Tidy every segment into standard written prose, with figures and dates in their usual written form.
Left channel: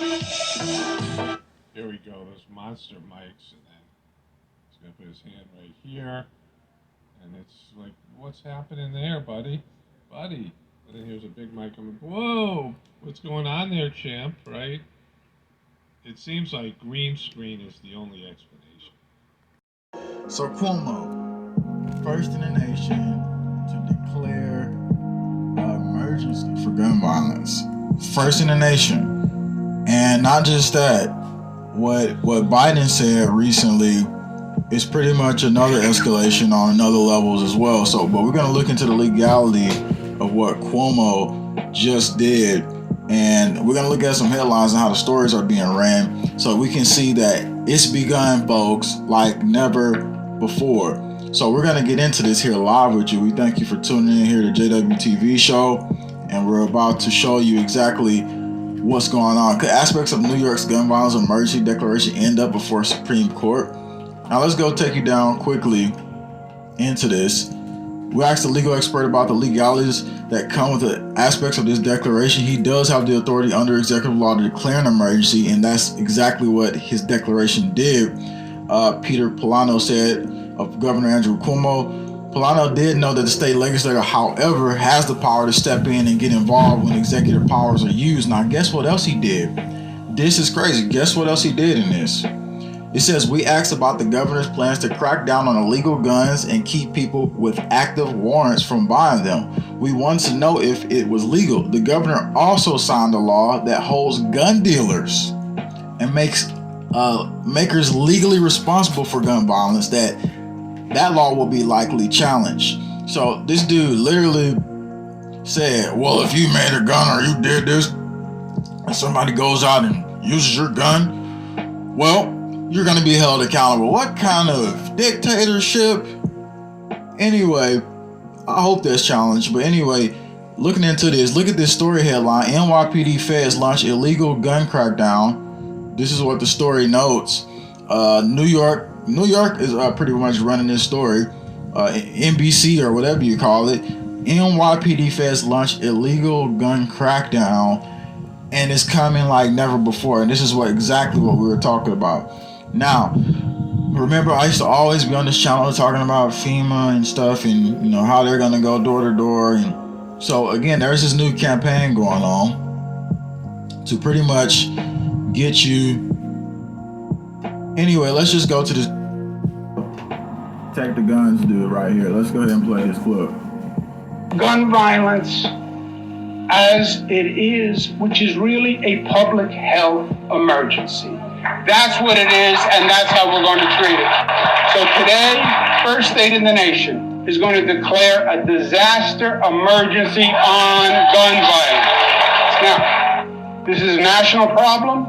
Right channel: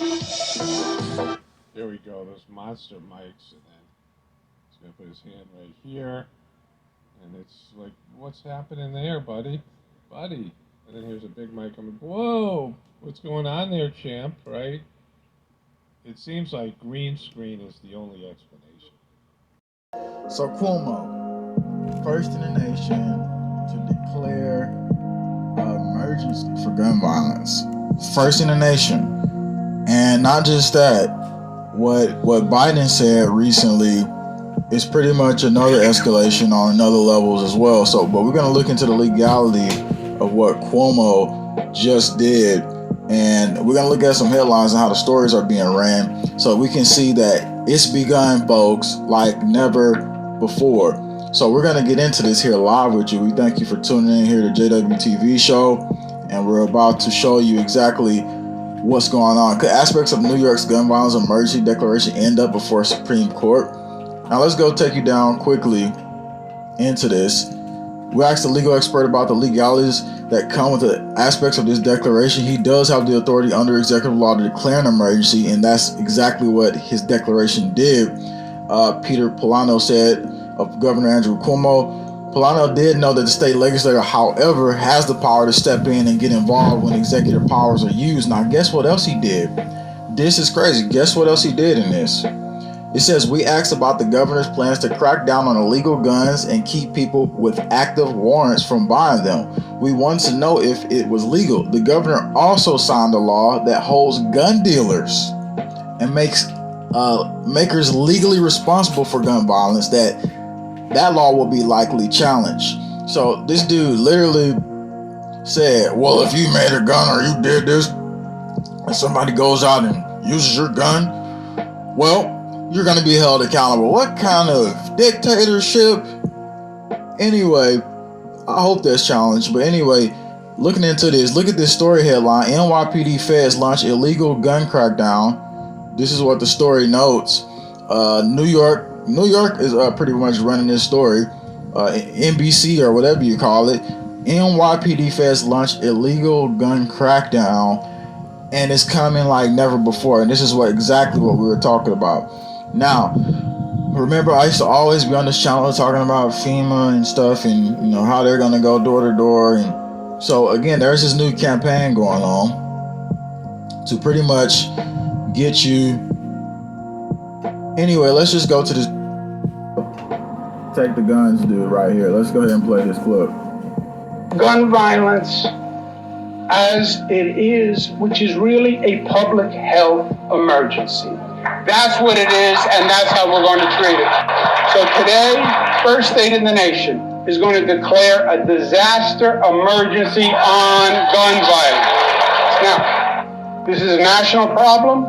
Here we go, those monster mics, and then he's gonna put his hand right here, and it's like, what's happening there, buddy? Buddy. And then here's a big mic. I'm like, whoa, what's going on there, champ, right? It seems like green screen is the only explanation. So Cuomo, first in the nation to declare an emergency for gun violence. First in the nation. And not just that, what Biden said recently is pretty much another escalation on another levels as well. So, but we're going to look into the legality of what Cuomo just did, and we're going to look at some headlines and how the stories are being ran, so we can see that it's begun, folks, like never before. So we're going to get into this here live with you. We thank you for tuning in here to JWTV show, and we're about to show you exactly what's going on. Could aspects of New York's gun violence emergency declaration end up before Supreme Court? Now let's go take you down quickly into this. We asked a legal expert about the legalities that come with the aspects of this declaration. He does have the authority under executive law to declare an emergency, and that's exactly what his declaration did. Peter Polano said of Governor Andrew Cuomo. Polano did know that the state legislature, however, has the power to step in and get involved when executive powers are used. Now, guess what else he did? This is crazy. Guess what else he did in this? It says, we asked about the governor's plans to crack down on illegal guns and keep people with active warrants from buying them. We wanted to know if it was legal. The governor also signed a law that holds gun dealers and makes makers legally responsible for gun violence. That law will be likely challenged. So this dude literally said, well, if you made a gun or you did this and somebody goes out and uses your gun, well, you're going to be held accountable. What kind of dictatorship? Anyway, I hope that's challenged. But anyway, looking into this, look at this story headline. NYPD feds launch illegal gun crackdown. This is what the story notes. New York is pretty much running this story. NBC or whatever you call it. NYPD feds launch illegal gun crackdown, and it's coming like never before. And this is exactly what we were talking about. Now, remember, I used to always be on this channel talking about FEMA and stuff, and how they're gonna go door to door. And so again, there's this new campaign going on to pretty much get you. Anyway, let's just go to this take the guns dude right here. Let's go ahead and play this clip. Gun violence as it is, which is really a public health emergency. That's what it is, and that's how we're going to treat it. So today, first state in the nation is going to declare a disaster emergency on gun violence. Now, this is a national problem.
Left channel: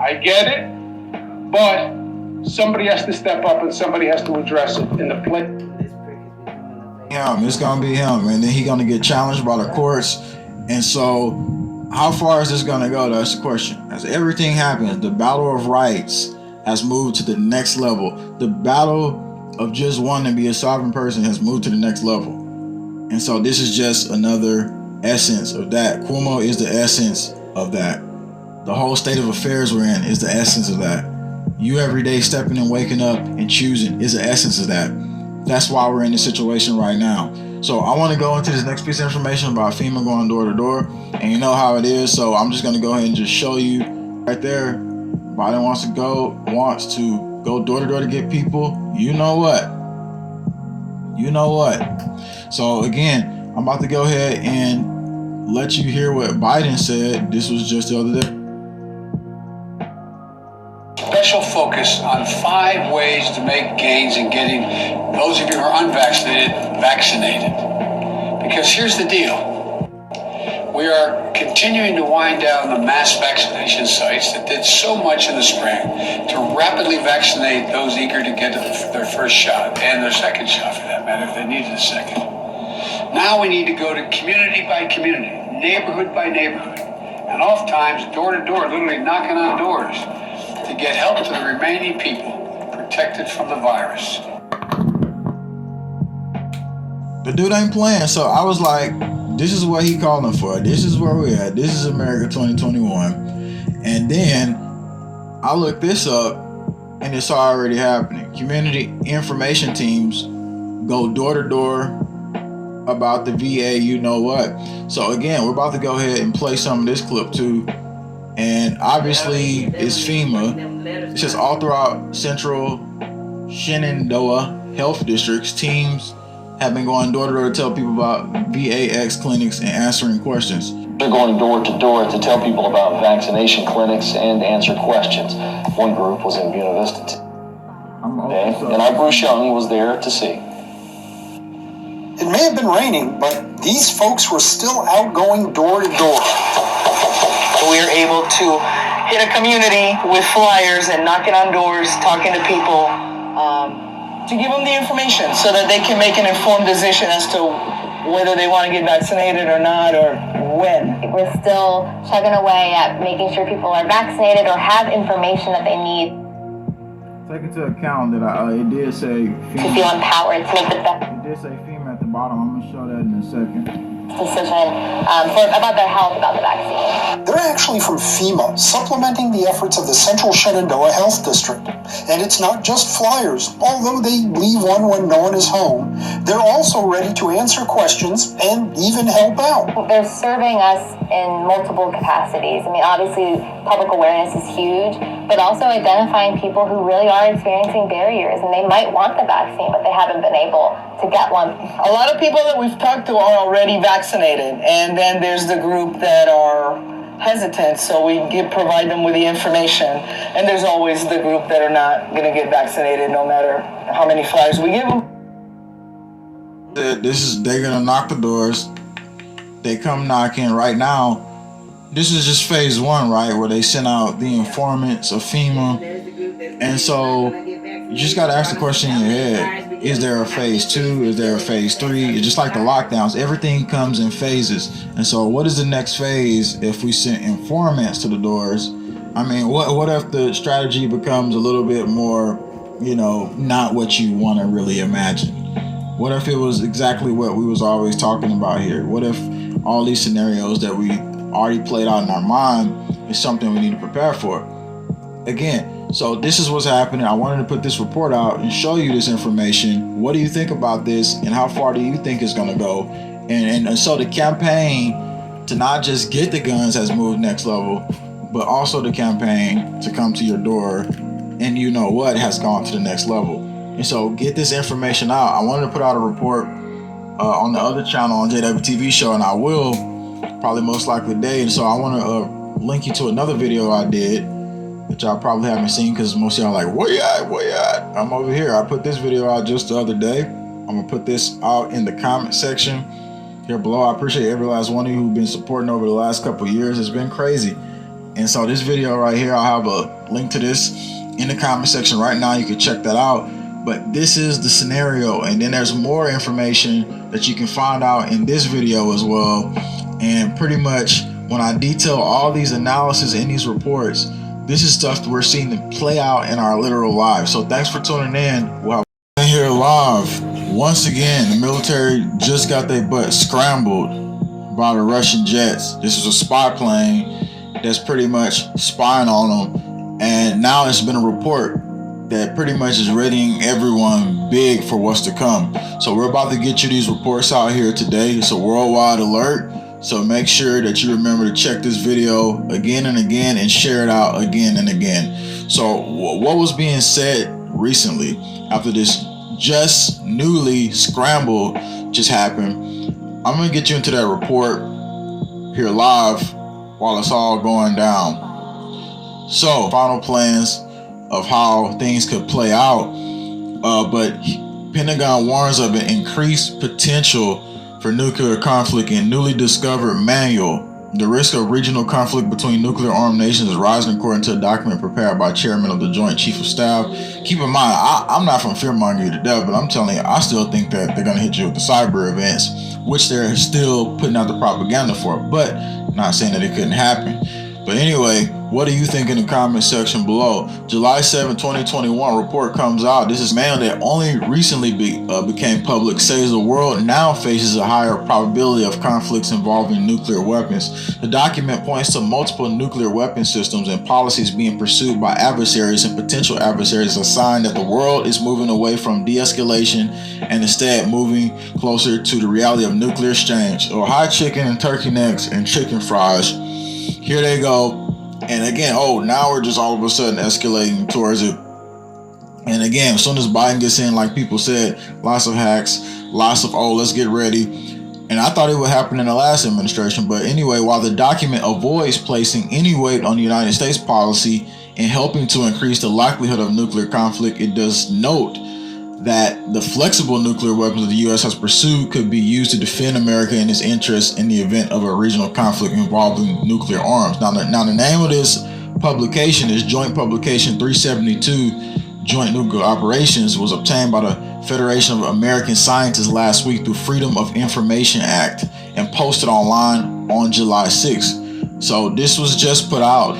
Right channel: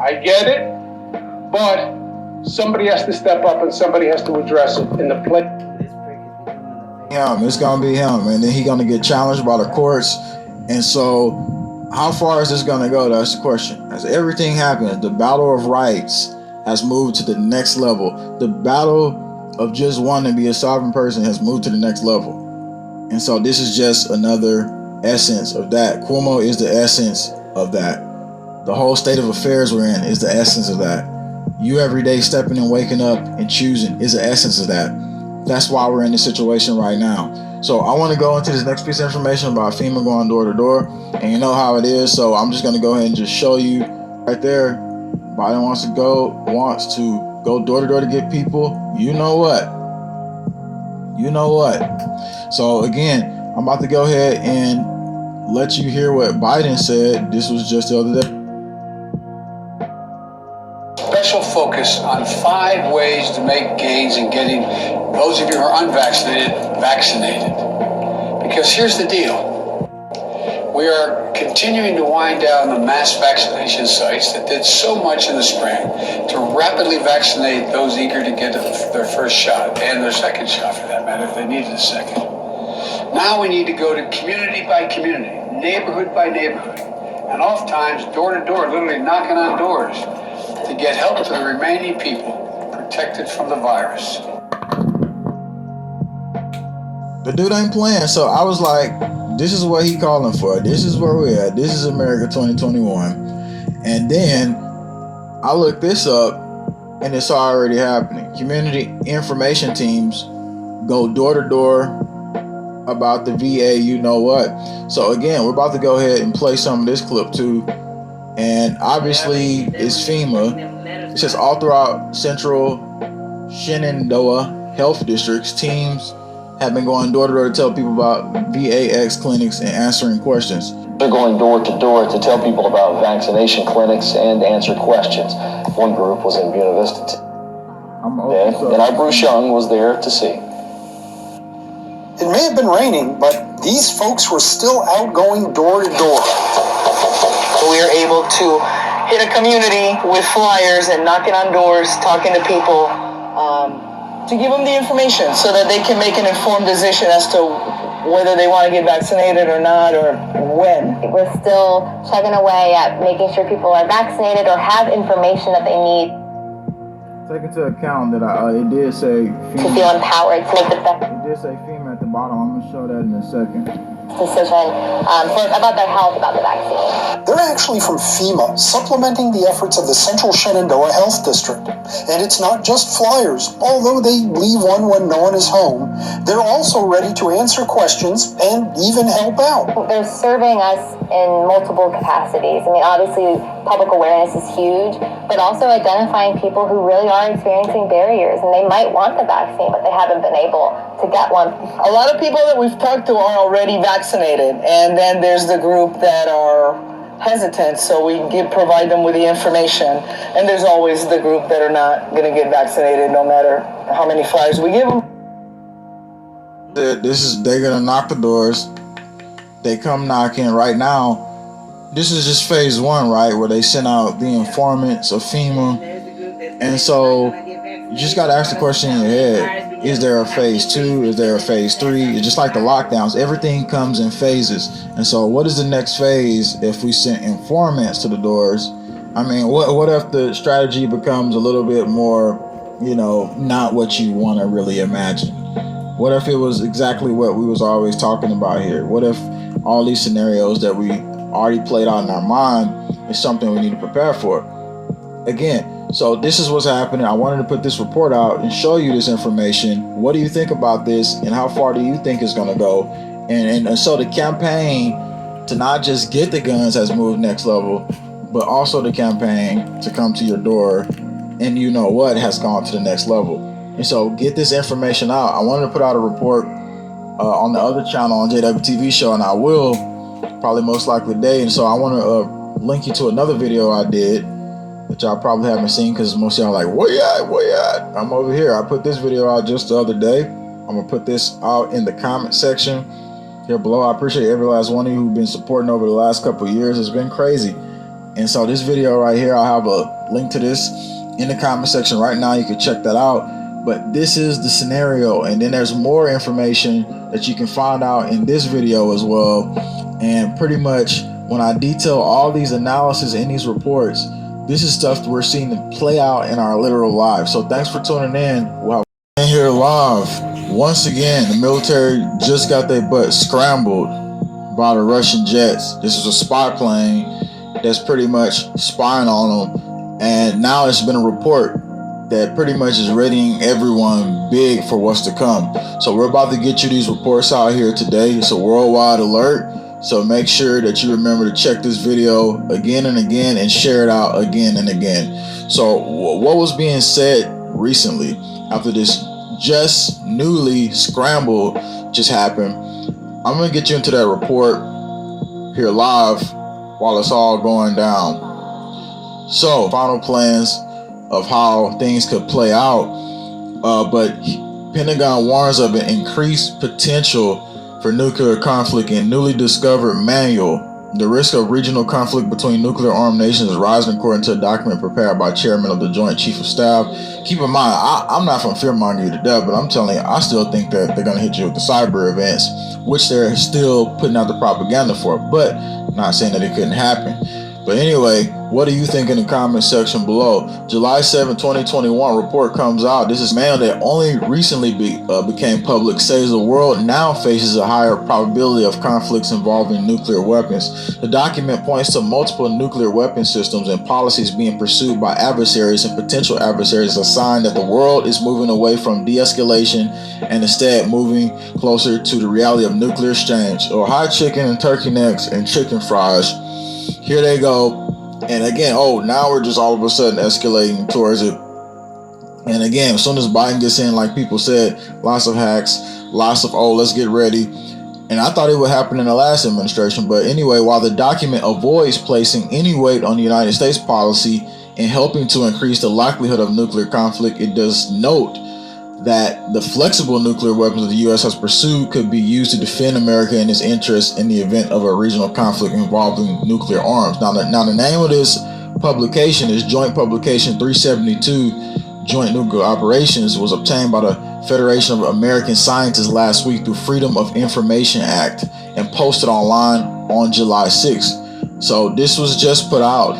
I get it, but somebody has to step up and somebody has to address it in the place. It's gonna be him, and then he's gonna get challenged by the courts. And so, how far is this gonna go? That's the question. As everything happens, the battle of rights has moved to the next level. The battle of just wanting to be a sovereign person has moved to the next level. And so, this is just another essence of that. Cuomo is the essence of that. The whole state of affairs we're in is the essence of that. You every day stepping and waking up and choosing is the essence of that. That's why we're in this situation right now. So I want to go into this next piece of information about FEMA going door to door, and you know how it is. So I'm just going to go ahead and just show you right there. Biden wants to go door to door to get people. You know what? So again, I'm about to go ahead and let you hear what Biden said. This was just the other day. Special focus on 5 ways to make gains in getting those of you who are unvaccinated vaccinated. Because here's the deal. We are continuing to wind down the mass vaccination sites that did so much in the spring to rapidly vaccinate those eager to get their first shot and their second shot, for that matter, if they needed a second. Now we need to go to community by community, neighborhood by neighborhood, and oftentimes door to door, literally knocking on doors, to get help to the remaining people protected from the virus. The dude ain't playing, so I was like, this is what he calling for. This is where we're at. This is America 2021. And then I looked this up, and it's already happening. Community information teams go door to door about the VA, you know what. So again, we're about to go ahead and play some of this clip too. And obviously it's FEMA. It says all throughout Central Shenandoah health districts, teams have been going door to door to tell people about VAX clinics and answering questions. They're going door to door to tell people about vaccination clinics and answer questions. One group was in Buena Vista today, and our Bruce Young was there to see. It may have been raining, but these folks were still out going door to door. We are able to hit a community with flyers and knocking on doors, talking to people, to give them the information so that they can make an informed decision as to whether they want to get vaccinated or not, or when. We're still chugging away at making sure people are vaccinated or have information that they need. Take into account that it did say FEMA. To feel empowered to make the best. It did say FEMA at the bottom. I'm going to show that in a second. Decision about their health, about the vaccine. They're actually from FEMA, supplementing the efforts of the Central Shenandoah Health District. And it's not just flyers. Although they leave one when no one is home, they're also ready to answer questions and even help out. They're serving us in multiple capacities. I mean, obviously, public awareness is huge, but also identifying people who really are experiencing barriers, and they might want the vaccine, but they haven't been able to get one. A lot of people that we've talked to are already vaccinated, and then there's the group that are hesitant, so we provide them with the information. And there's always the group that are not going to get vaccinated no matter how many flyers we give them. They're going to knock the doors. They come knocking right now. This is just phase one, right? Where they send out the informants of FEMA. And so you just got to ask the question in your head. Is there a phase 2? Is there a phase 3? It's just like the lockdowns. Everything comes in phases. And so what is the next phase if we send informants to the doors? I mean, what if the strategy becomes a little bit more, not what you want to really imagine? What if it was exactly what we was always talking about here? What if all these scenarios that we already played out in our mind is something we need to prepare for? Again, so this is what's happening. I wanted to put this report out and show you this information. What do you think about this, and how far do you think it's going to go? And so the campaign to not just get the guns has moved next level, but also the campaign to come to your door and has gone to the next level. And so get this information out. I wanted to put out a report on the other channel on JWTV show, and I will probably most likely today. And so I want to link you to another video I did that y'all probably haven't seen, because most of y'all are like, where you at? I'm over here. I put this video out just the other day. I'm going to put this out in the comment section here below. I appreciate every last one of you who've been supporting over the last couple of years. It's been crazy. And so this video right here, I'll have a link to this in the comment section right now. You can check that out. But this is the scenario, and then there's more information that you can find out in this video as well. And pretty much when I detail all these analysis in these reports, this is stuff that we're seeing to play out in our literal lives. So thanks for tuning in. We'll have here live. Once again, the military just got their butt scrambled by the Russian jets. This is a spy plane that's pretty much spying on them. And now it's been a report that pretty much is readying everyone big for what's to come. So we're about to get you these reports out here today. It's a worldwide alert. So make sure that you remember to check this video again and again and share it out again and again. So what was being said recently after this just newly scramble just happened, I'm going to get you into that report here live while it's all going down. So final plans of how things could play out, but Pentagon warns of an increased potential for nuclear conflict in newly discovered manual. The risk of regional conflict between nuclear armed nations is rising, according to a document prepared by Chairman of the Joint Chief of Staff. Keep in mind, I'm not from fear-mongering you to death, but I'm telling you, I still think that they're going to hit you with the cyber events, which they're still putting out the propaganda for, but not saying that it couldn't happen. But anyway, what do you think in the comment section below? July 7, 2021, report comes out. This is man that only recently became public, says the world now faces a higher probability of conflicts involving nuclear weapons. The document points to multiple nuclear weapon systems and policies being pursued by adversaries and potential adversaries, a sign that the world is moving away from de-escalation and instead moving closer to the reality of nuclear exchange. Or hot chicken and turkey necks and chicken fries. Here they go. And again, now we're just all of a sudden escalating towards it. And again, as soon as Biden gets in, like people said, lots of hacks, lots of, let's get ready. And I thought it would happen in the last administration. But anyway, while the document avoids placing any weight on the United States policy in helping to increase the likelihood of nuclear conflict, it does note that the flexible nuclear weapons the U.S. has pursued could be used to defend America and its interests in the event of a regional conflict involving nuclear arms. Now, the name of this publication is Joint Publication 372, Joint Nuclear Operations, was obtained by the Federation of American Scientists last week through Freedom of Information Act and posted online on July 6th. So this was just put out.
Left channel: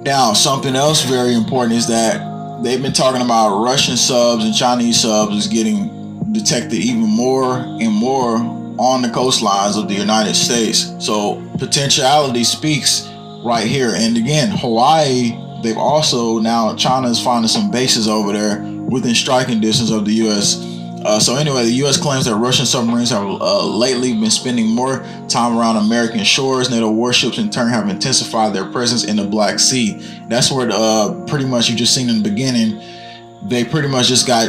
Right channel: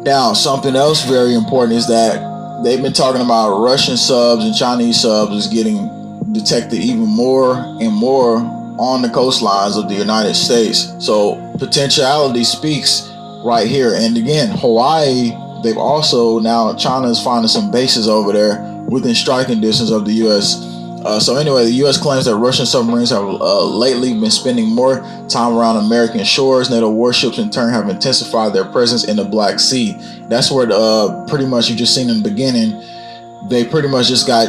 Now, something else very important is that they've been talking about Russian subs and Chinese subs is getting detected even more and more on the coastlines of the United States. So potentiality speaks right here. And again, Hawaii, they've also now, China is finding some bases over there within striking distance of the U.S. So anyway, the U.S. claims that Russian submarines have lately been spending more time around American shores. NATO warships in turn have intensified their presence in the Black Sea. That's where pretty much you just seen in the beginning, they pretty much just got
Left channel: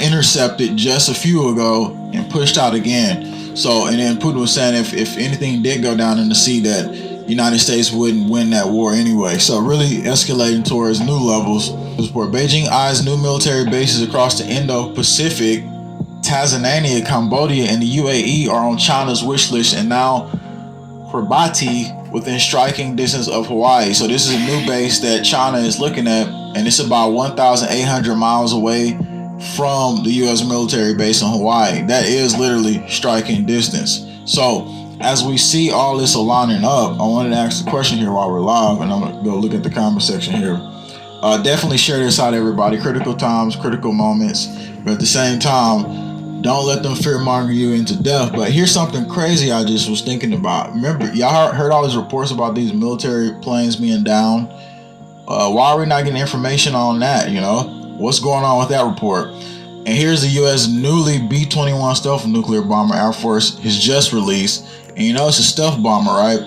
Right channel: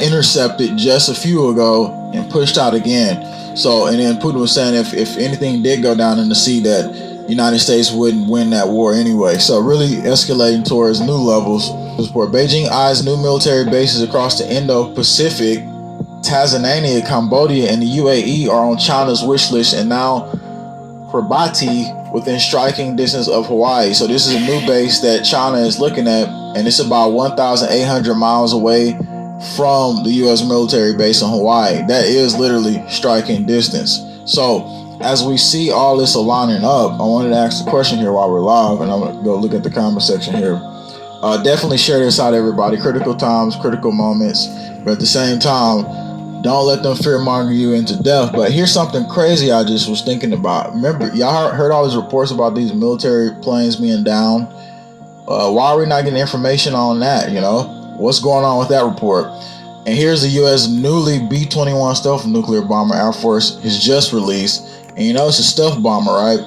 intercepted just a few ago and pushed out again. So, and then Putin was saying if anything did go down in the sea, that the United States wouldn't win that war anyway. So really escalating towards new levels. Beijing eyes new military bases across the Indo-Pacific. Tanzania, Cambodia, and the UAE are on China's wish list, and now Kiribati within striking distance of Hawaii. So this is a new base that China is looking at, and it's about 1,800 miles away from the U.S. military base in Hawaii. That is literally striking distance. So as we see all this aligning up, I wanted to ask the question here while we're live, and I'm going to go look at the comment section here. Definitely share this out, everybody. Critical times, critical moments, but at the same time, don't let them fear-monger you into death. But here's something crazy I just was thinking about. Remember, y'all heard all these reports about these military planes being down. Why are we not getting information on that, you know? What's going on with that report? And here's the U.S. newly B-21 stealth nuclear bomber Air Force has just released. And you know, it's a stealth bomber, right?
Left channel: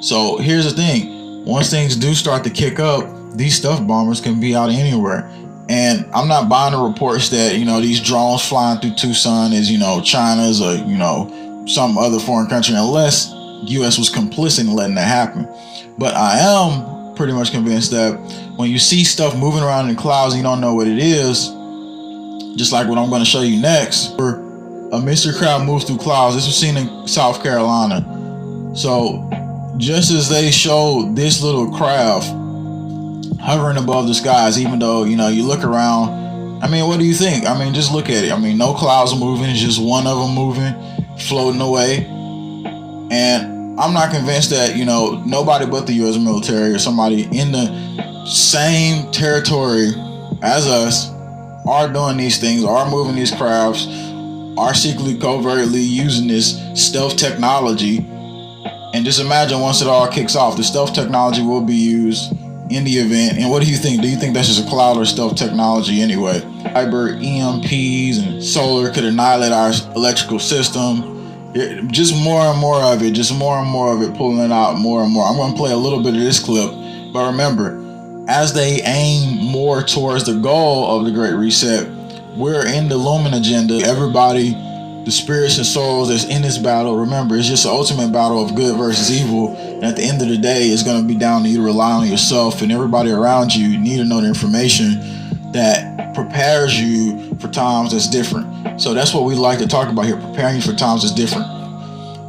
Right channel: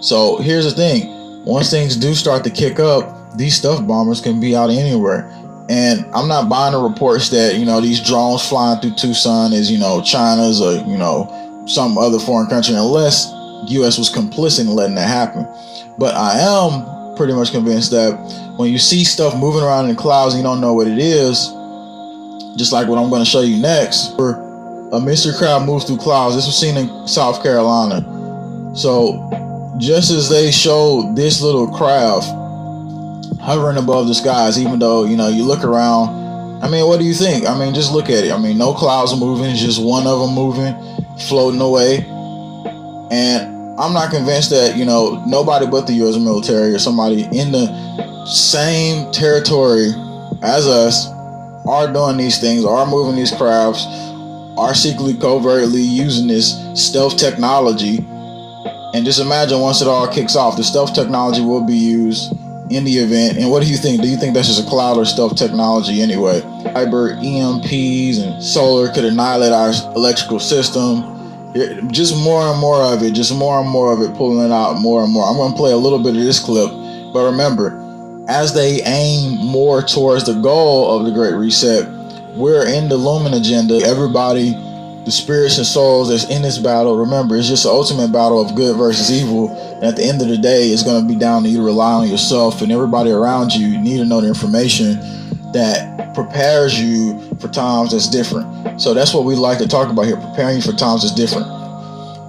So here's the thing. Once things do start to kick up, these stealth bombers can be out anywhere. And I'm not buying the reports that, you know, these drones flying through Tucson is, you know, China's or, you know, some other foreign country, unless U.S. was complicit in letting that happen. But I am pretty much convinced that when you see stuff moving around in the clouds and you don't know what it is, just like what I'm going to show you next, where a mystery craft moves through clouds. This was seen in South Carolina. So just as they showed this little craft hovering above the skies, even though, you know, you look around, I mean, what do you think? I mean, just look at it. I mean, no clouds moving, it's just one of them moving, floating away. And I'm not convinced that, you know, nobody but the U.S. military or somebody in the same territory as us are doing these things, are moving these crafts, are secretly, covertly using this stealth technology. And just imagine once it all kicks off, the stealth technology will be used in the event. And what do you think? Do you think that's just a cloud or stealth technology anyway? Cyber EMPs and solar could annihilate our electrical system. Just more and more of it, just more and more of it, pulling it out more and more. I'm going to play a little bit of this clip, but remember, as they aim more towards the goal of the Great Reset, we're in the Lumen agenda. Everybody, the spirits and souls that's in this battle, remember, it's just the ultimate battle of good versus evil. And at the end of the day, it's going to be down to you to rely on yourself and everybody around you. You need to know the information that prepares you for times that's different. So that's what we like to talk about here, preparing you for times that's different.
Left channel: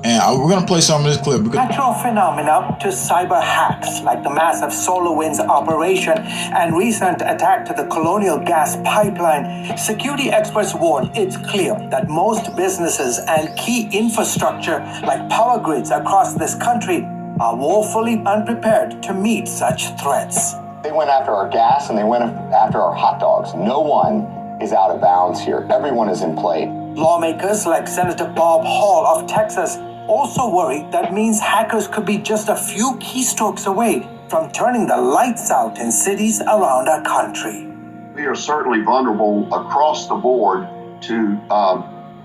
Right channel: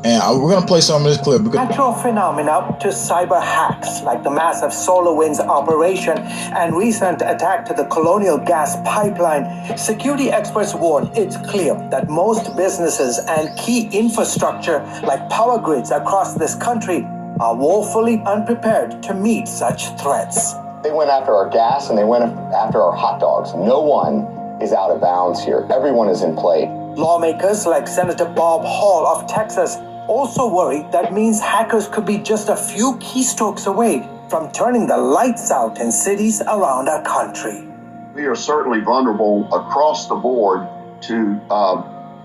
And we're going to play some of this clip. Natural phenomena to cyber hacks, like the massive SolarWinds operation and recent attack to the Colonial Gas pipeline. Security experts warn it's clear that most businesses and key infrastructure, like power grids across this country, are woefully unprepared to meet such threats. They went after our gas and they went after our hot dogs. No one is out of bounds here. Everyone is in play. Lawmakers like Senator Bob Hall of Texas also worry that means hackers could be just a few keystrokes away from turning the lights out in cities around our country. We are certainly vulnerable across the board to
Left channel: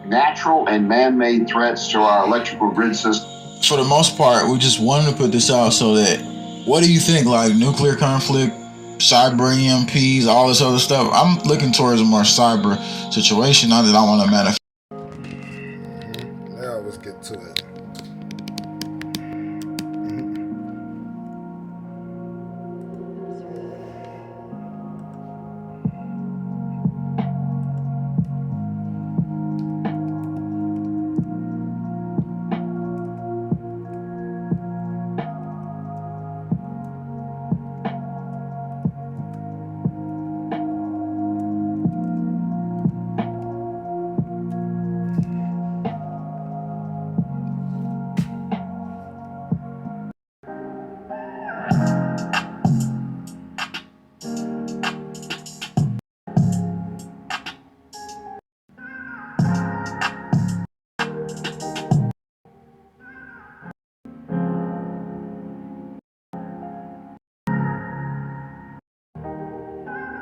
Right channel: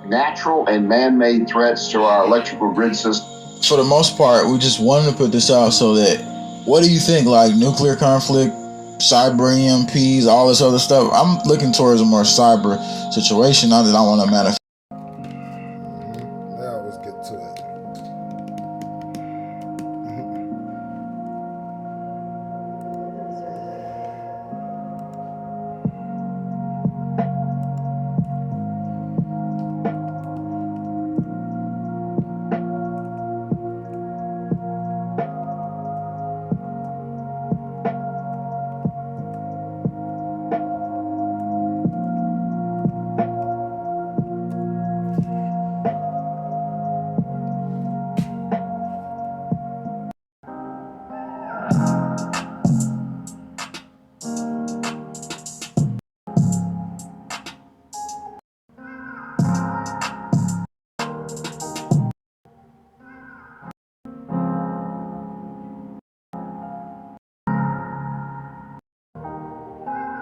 natural and man-made threats to our electrical grid system. For the most part, we just wanted to put this out so that, what do you think, like nuclear conflict, cyber EMPs, all this other stuff? I'm looking towards a more cyber situation, not that I want to manifest